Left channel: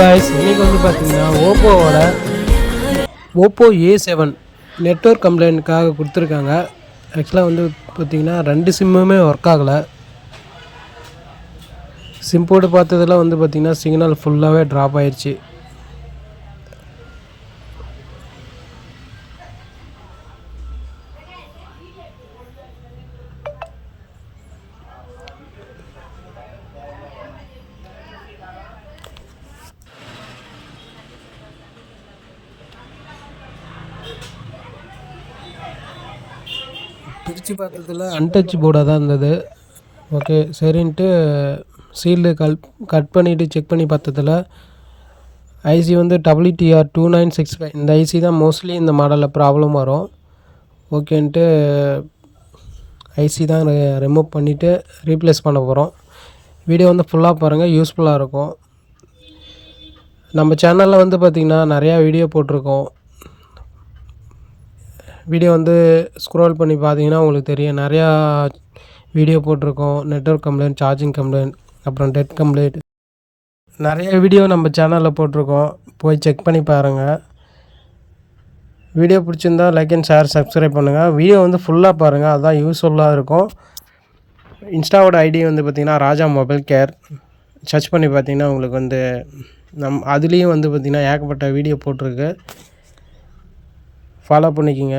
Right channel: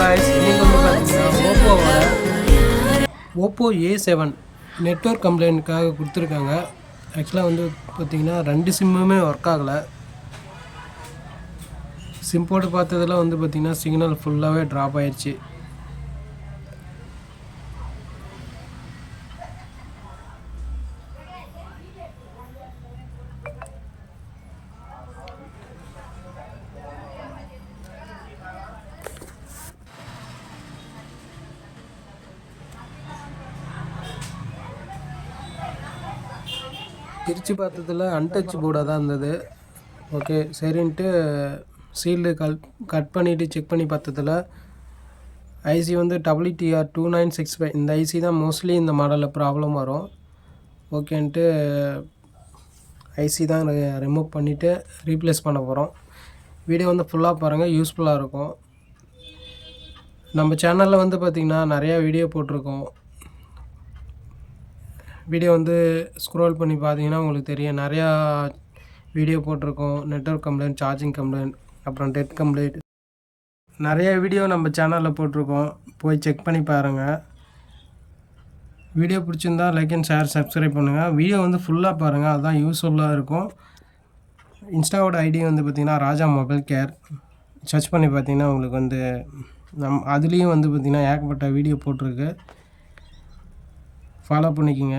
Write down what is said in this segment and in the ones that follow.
guys இன்றைக்கி வந்து பார்த்தீங்கன்னா ஓப்போவோட ஓப்போ ஏ செவன் நெட்ஒர்க் கம்ப்ளைண்ட்டுக்காக கொடுத்துருக்காங்க. ஆக்சுவலாக வந்து பார்த்தீங்கன்னா ரெண்டு சிம்முமே ஒர்க் ஆகலை. சிம் போட்டு பார்த்ததெல்லாம் வந்து பார்த்திங்கன்னா சிக்னல் ஃபுல்லாகவே ட்ராப் ஆயிடுச்சு பிரித்து பார்த்ததில் அன்டச் போர்டாக தான் இருந்தது. ஓகே சரின்ட்டு சீல்டு கல் கட் பண்ணிவிட்டு செக் பண்ணி பார்த்ததுல ஐசி வந்து WDR two nine six five இந்த ஐசி தான் மோஸ்ட்லி இந்த மாடலில் ப்ராப்ளம் வரும். ஓகேன்ட்டு ஐசி தான் ரிமூவ் பண்ணிவிட்டு ரீப்ளேஸ் பண்ண போகிறோம் வீடியோ வந்து ஃபுல்லாக பாருங்கள் யூஸ்ஃபுல்லாக இருக்கும். நம்ம சேனலில் வந்து பார்த்திங்கன்னா நிறையா வீடியோ போட்டிருக்கோம். வீடியோ வந்து ஸ்க்ரோல் பண்ணி பார்த்தீங்கன்னா உங்களுக்கு தெரியும். நிறையா வீடியோ போட்டிருக்கோம். நெட்ஒர்க் கம்ப்ளைண்ட் சார்ஜிங் கம்ப்ளைண்ட் அப்புறம் டெட் கம்ப்ளைண்ட் நிறைய வீடியோ நம்ம சேனலில் போட்டிருக்கோம். போய் செக் பண்ணி பாருங்கள் வீடியோ பிடிச்சிருந்தா லைக் அண்ட் ஷேர் சப்ஸ்கிரைப் பண்ணுங்கள் வீடியோ வந்து ஃபுல்லாக பாருங்கள் அதுதான் யூஸ்ஃபுல்லாக இருக்கும். இன்ஸ்டாவோட ஐடி வந்து பார்த்திங்கன்னா ராஜா மொபைல் கேர். சர்ச் பண்ணி பார்த்தீங்கன்னா உங்களுக்கு வந்து நம் அதுலேயும் வந்து பார்த்திங்கன்னா ஏகப்பட்ட வீடியோ போட்டிருக்கு. ஃபாலோ பண்ணிக்கோங்க.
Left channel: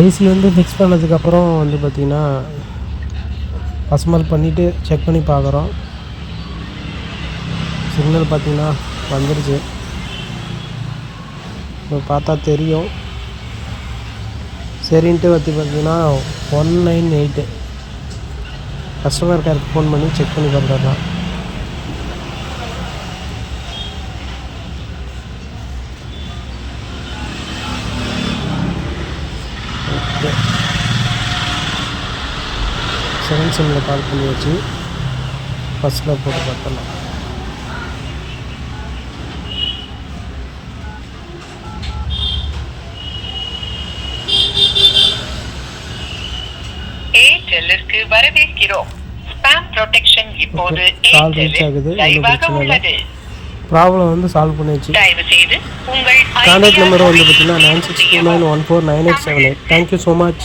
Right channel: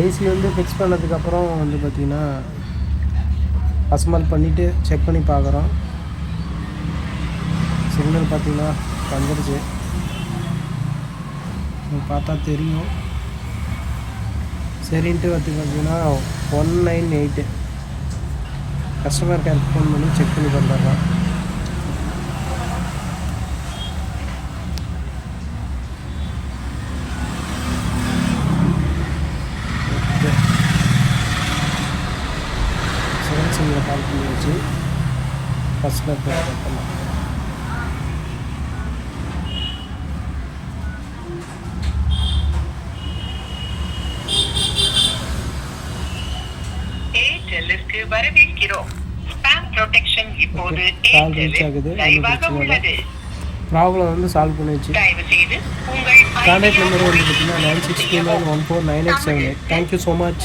ஐசி வந்து ஃபிக்ஸ் பண்ணதுக்கப்புறம் வந்து பார்த்திங்கன்னா அசம்பல் பண்ணிவிட்டு செக் பண்ணி பார்க்குறோம். சிக்னல் பார்த்திங்கன்னா வந்துடுச்சு இப்போ பார்த்தா தெரியும். சரின்ட்டு வந்து பார்த்திங்கன்னா ஒன் நைன் எயிட்டு கஸ்டமர் கேருக்கு ஃபோன் பண்ணி செக் பண்ணி பார்த்துடலாம். ஓகே செவன் சிம்மில் கால் பண்ணி வச்சு ஃபஸ்ட்டில் போட்டு ஏர்டெல்லிற்கு வரவேற்கிறோம் ஸ்பாம் ப்ரொடெக்ஷன் இப்போது. ஏர்டெல்லில் லைவாக. உள்ளது ப்ராப்ளம் வந்து சால்வ் உங்கள் கான்டாக்ட் நம்பர் வந்து பார்த்தீங்கன்னா nine six two nine one four nine eight seven eight thank you so much